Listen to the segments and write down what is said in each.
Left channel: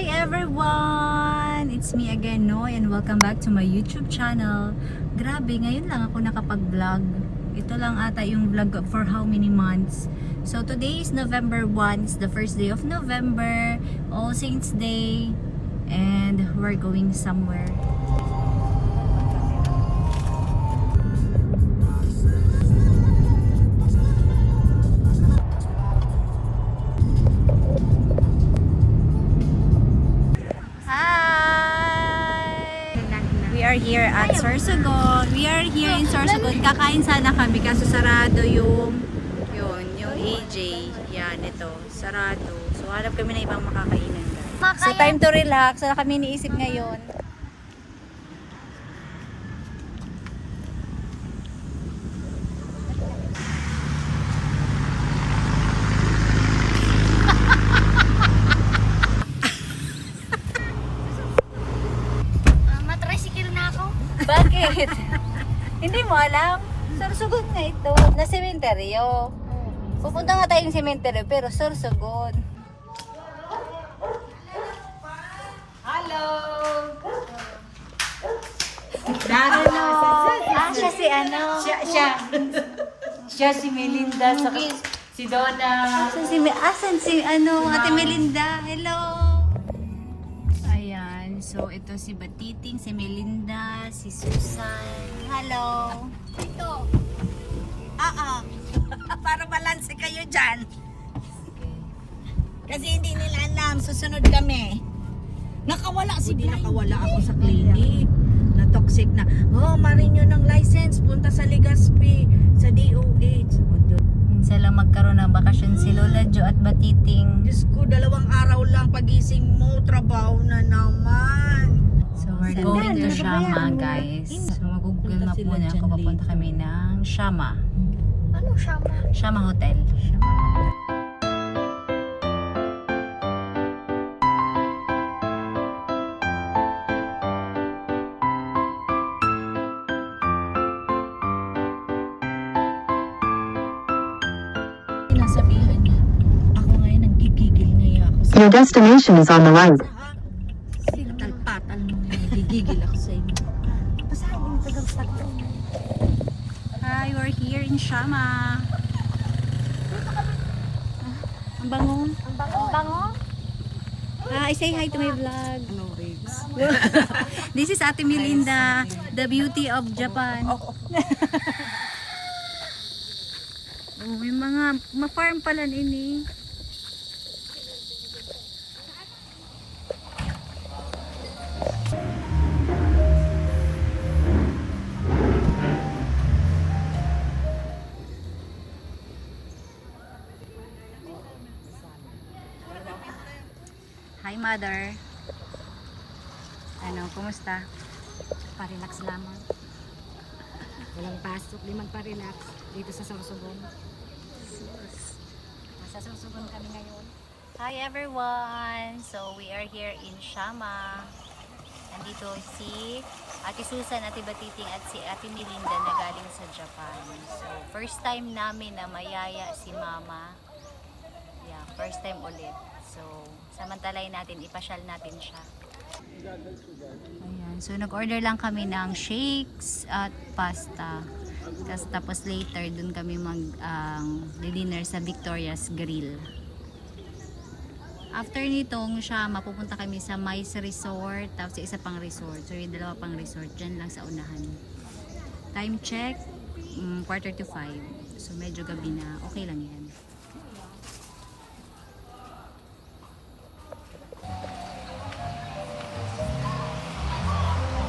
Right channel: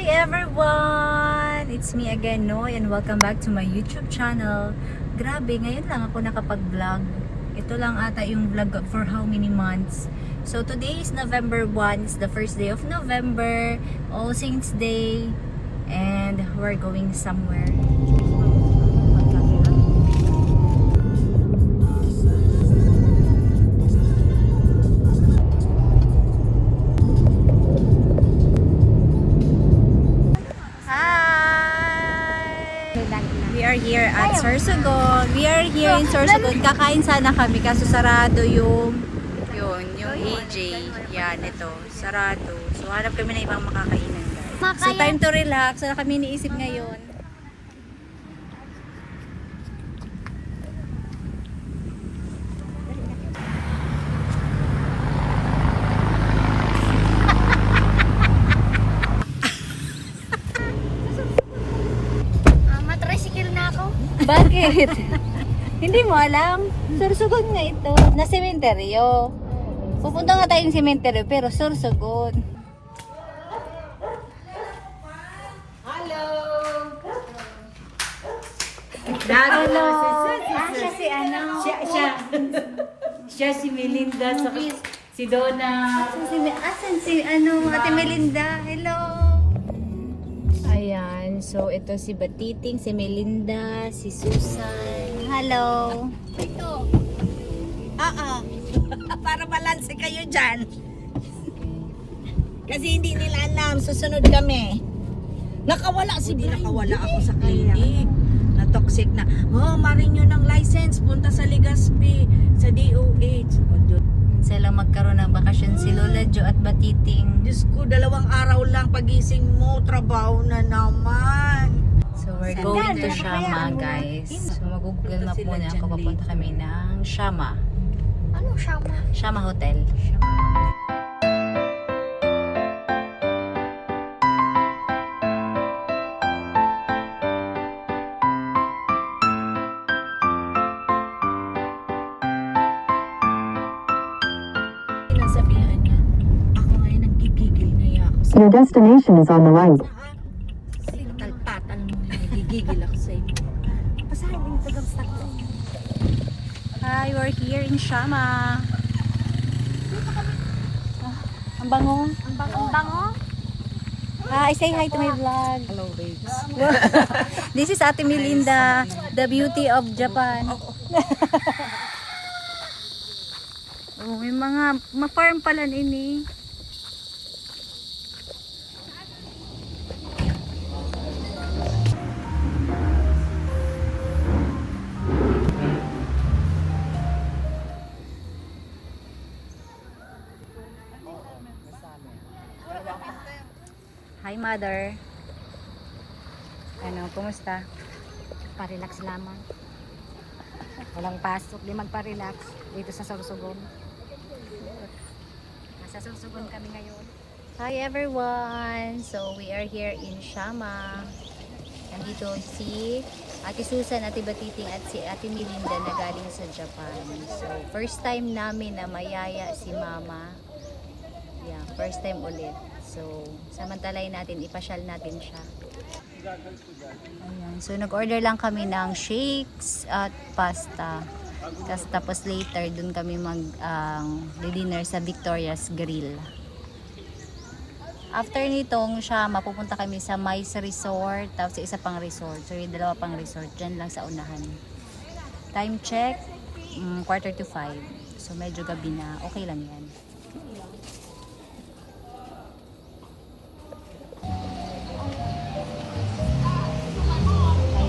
Hi everyone! It's me again, Noy, and welcome back to my YouTube channel. Grabe, ngayon lang ako nakapag-vlog. Ito lang ata yung vlog for how many months. So today is November 1, it's the first day of November, All Saints Day, and we're going somewhere. We are here at Sorsogon. We are here in Sorsogon. Kakain sana kami kaso sarado yung AJ. Yan, ito. Sarado. So hanap kami na ibang makakainan. So time to relax. Wala kami iniisip ngayon. Bakit? Hindi mo alam? Sorsogon nga ito. Na sementeryo. Pupunta nga tayong sementeryo pero Sorsogon. Hello! Hello! Siya si ano? Siya si Melinda, si Donna. Asan si ano? Ate Melinda. Hello! Ayan. So, ito si Batiting, si Melinda, si Susan. Hello! Ito. Para balanse kayo dyan. Kasi hindi nila alam, susunod kami. Nakawala ako sa clinic. Na toxic na. Oh, marin nyo ng license. Punta sa Legazpi, sa DOH. Minsan lang magkaroon ng bakasyon si Lola Jo at Batiting. Diyos ko, 2 araw lang pagising mo, trabaho na naman. So, we're going to Shama, guys. So, mag-google map muna ako. Papunta kami ng Shama. Anong Shama? Shama Hotel. Sinasabihan niya, ako ngayon nagigigil ngaya ako sa... Your destination is on the right. Talpatan mo, nagigigil ako sa inyo. Pasahan yung tagal-tagal. Hi, we're here in Shama. Ang bango. Ang bango. Hi, say hi to my vlog. Hello, babes. This is Ate Melinda, the beauty of Japan. Oh, may mga ma-farm pala ini. Hi, mother. Ano, kumusta? Pa-relax lamang. Walang pasok, di magpa-relax dito sa Sorsogon. Nasa Sorsogon kami ngayon. Hi everyone! So we are here in Shama. Nandito si Ate Susan, Ate Batiting at si Ate Melinda na galing sa Japan. So first time namin na mayaya si Mama. Yeah, first time ulit. So samantalayin natin, ipasyal natin siya. Ayan. So nag-order lang kami ng shakes at pasta. Tapos later dun kami mag-dinner sa Victoria's Grill. After nitong siya, mapupunta kami sa Mais Resort, tapos sa isa pang resort. So yung 2 pang resort, dyan lang sa unahan. Time check, 4:45. So medyo gabi na, okay lang yan.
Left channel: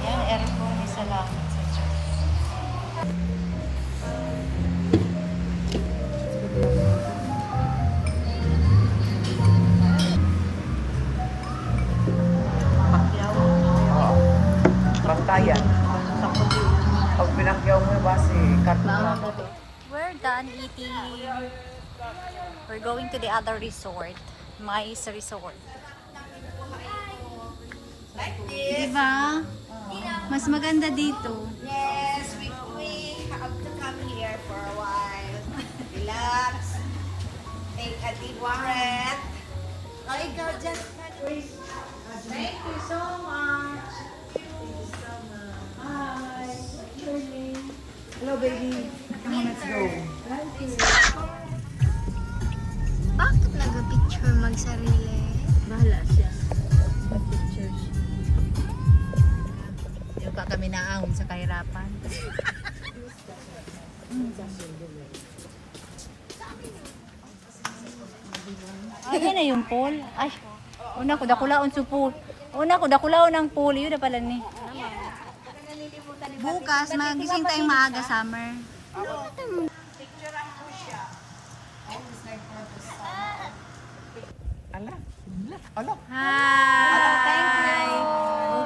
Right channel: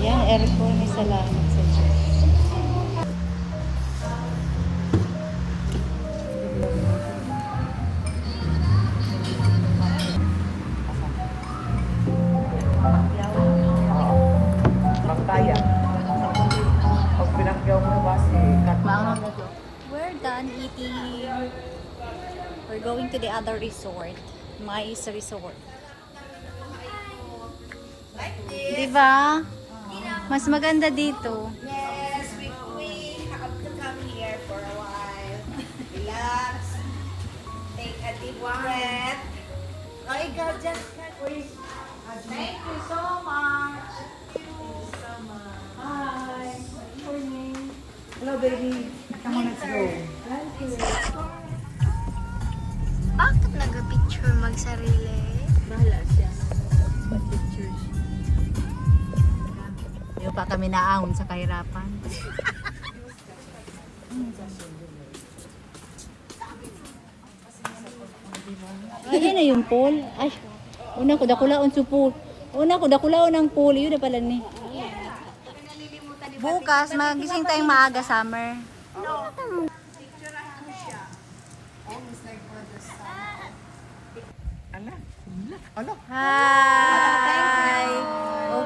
Ayan, aircon, may salamat sa Diyos. We're done eating. We're going to the other resort, Mais Resort. Diba? Mas maganda dito. Yes, we have to come here for a while. Relax. Take a deep breath. Oh, ikaw, just Thank you so much. Hi. Hello, baby. Come on, let's go. Thank you. Bakit nag-picture mag-sarili? Bahala siya. Mag-pictures. Pero pa kami naahon sa kahirapan. Ay, na yung pool. Ay, una ko dakulaon sa pool. Una ko dakulaon ang pool. Yun na pala ni. Bukas, magising tayong maaga, Summer. Hi!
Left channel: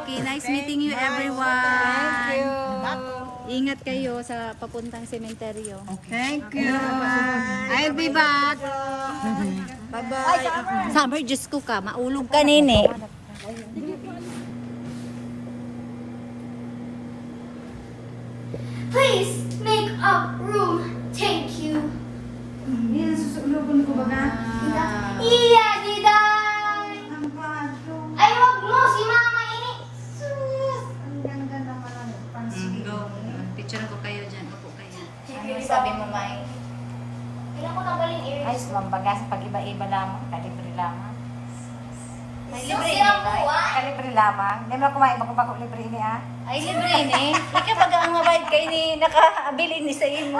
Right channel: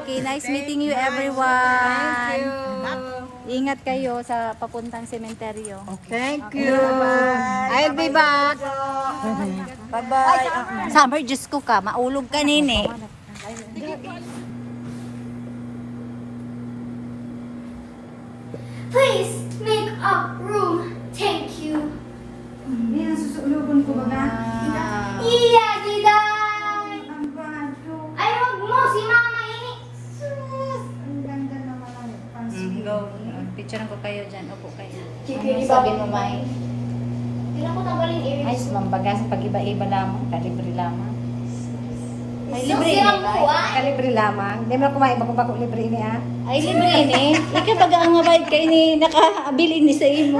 Okay, nice meeting you everyone. Ingat kayo sa papuntang sementeryo. Thank you. I'll be back. Bye-bye. Summer, Diyos ko ka. Maulog ka nini. Please make up room. Thank you. Hindi na susulugon ko baga. Iya, Diday! Ay, wag mo. Si Mama ini. Ang ganda naman ang pansin. Go. Picturean ko kayo dyan. Opo kayo. Ano Sabi mo, Mai? Tingnan ko tanggalin ear. Ay, mambaga sa pag-iba-iba lamang. Kalibre lamang. Susi ang buwa. Kalibre lamang. Hindi mo na kumain bako-bako libre ini ah. Ay, libre ni. Ikaw pag ang mabait kayo ni nakabili ni sa imo.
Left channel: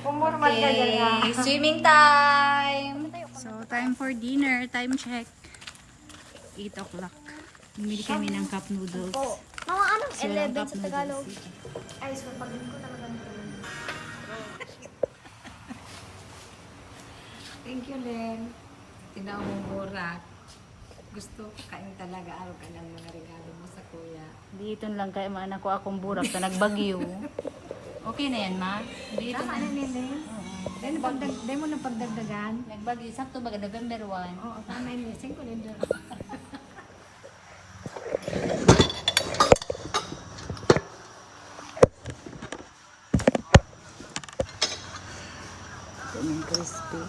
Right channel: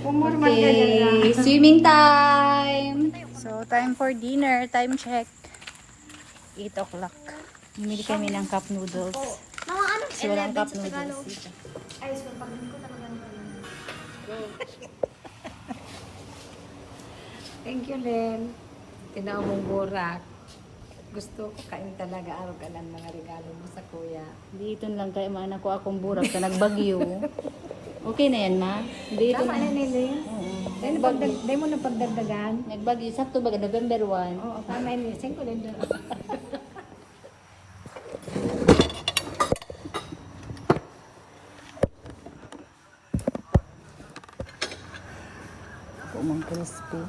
Pumurman ka dyan ah. Okay, swimming time. So, time for dinner. Time check. 8 o'clock. Bumili kami ng cup noodles. Mama, ano? Kasi walang cup noodles dito. Ay, so pag ko talaga ng Thank you, Len. Tinaw mong burak. Gusto ko kain talaga araw ka ng mga regalo mo sa kuya. Dito lang kayo man ako akong burak sa nagbagyo. Okay na yan, ma? Dito Tama na ni Len. Dahil mo na pagdagdagan. Nagbagyo. Sakto ba? November 1. Oo, tama yun. Saan ko Len doon? Umang crispy.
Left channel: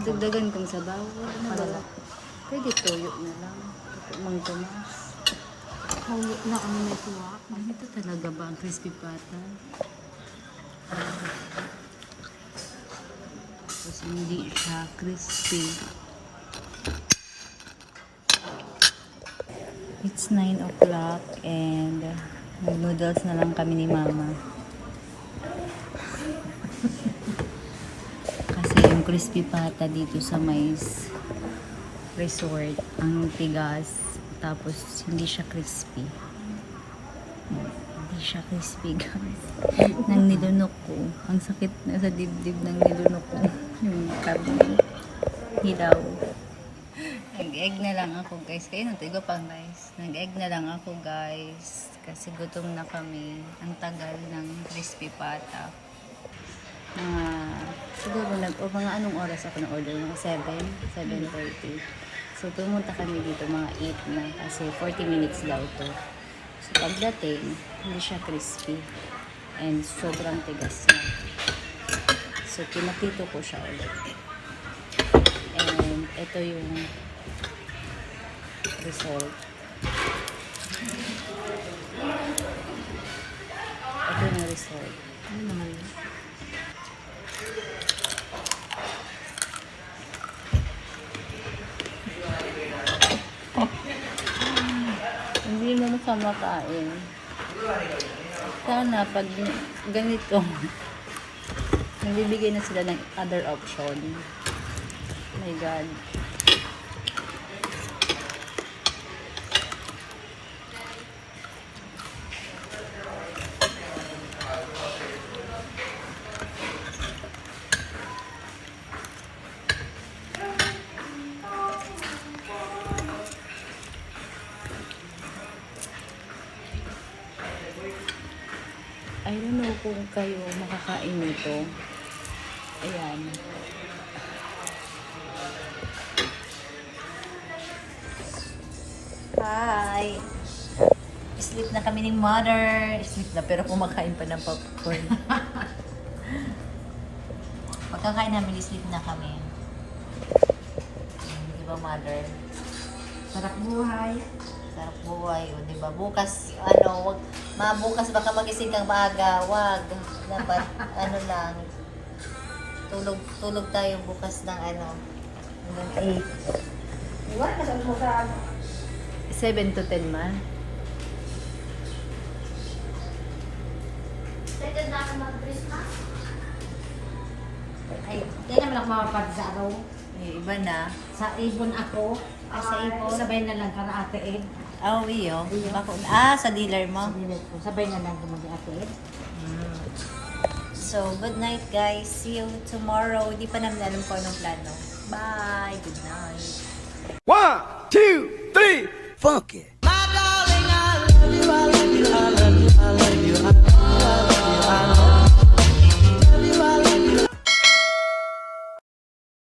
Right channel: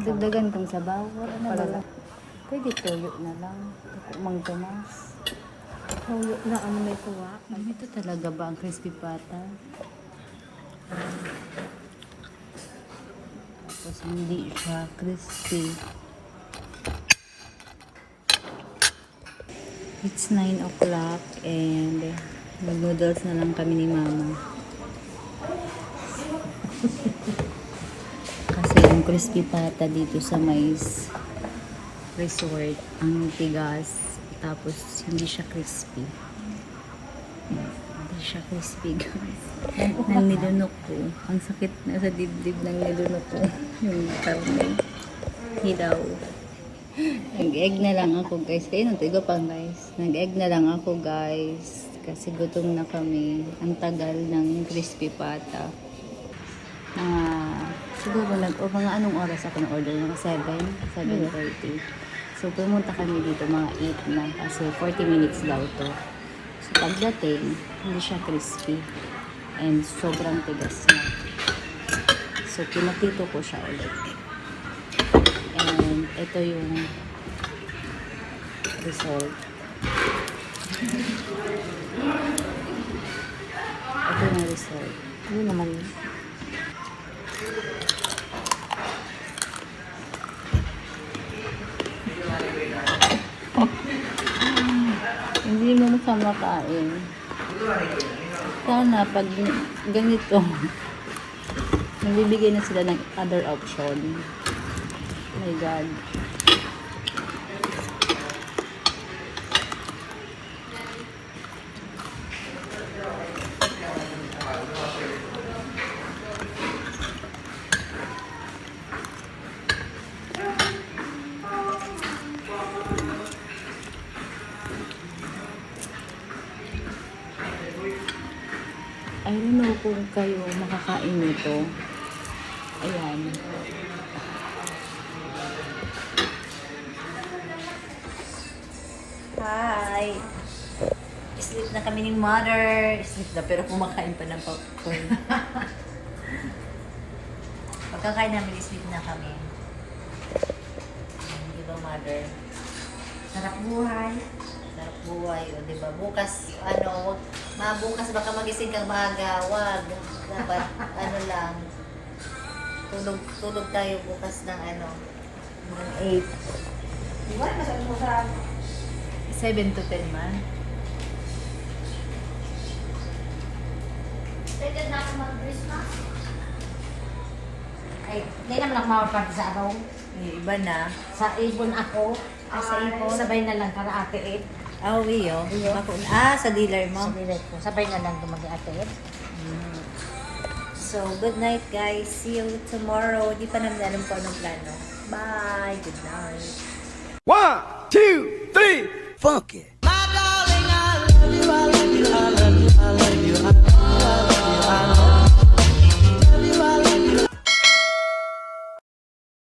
Dagdagan kang sabaw. Wala lang. Pwede tuyo na lang. Umang gamas. Kaya na ano may tuwa. Ito talaga ba ang crispy pata? Tapos hindi siya crispy. It's 9 o'clock and nag-noodles na lang kami ni Mama. Kasi yung crispy pata dito sa Mais Resort, ang tigas. Tapos hindi siya crispy. Hindi siya crispy, guys. Nang nilunok ko. Ang sakit na sa dibdib ng nilunok ko. Yung karne. Hilaw. Nag-egg na lang ako, guys. Kayo nang iba pang guys. Nag-egg na lang ako, guys. Kasi gutom na kami. Ang tagal ng crispy pata. Siguro mga anong oras ako na-order? Mga 7:30. So, pumunta kami dito mga 8 na kasi 40 minutes daw to. So, pagdating, hindi siya crispy. And sobrang tigas na. So, pinapito ko siya ulit. And ito yung result. Ito yung result. Ano naman yun? Hindi mo siya makain. Sana pag ganito, nagbibigay na sila ng other option. Oh my God. I don't know kung kayo makakain nito. Ayan. Hi! Sleep na kami ni Mother. Sleep na pero kumakain pa ng popcorn. Pagkakain namin, sleep na kami. ba, mother? Sarap buhay. Sarap buhay, o, di ba? Bukas, bukas baka magising kang maaga, wag. Dapat, lang, tulog tayo bukas ng 8. 7 to 10 man. Pwede na ako mag-Christmas? Ay, hindi naman ako makapag sa Iba na. Sa ibon ako. Sa ipon. Sabay na lang kara-ate Ed. Iyo. Sa dealer mo. Sabay na lang mag-ate Ed. So, good night guys. See you tomorrow. Di pa namin alam kung anong plano. Bye. Good night. 1, 2, 3, funky. My darling, I love you, I love you, I love you, I love you.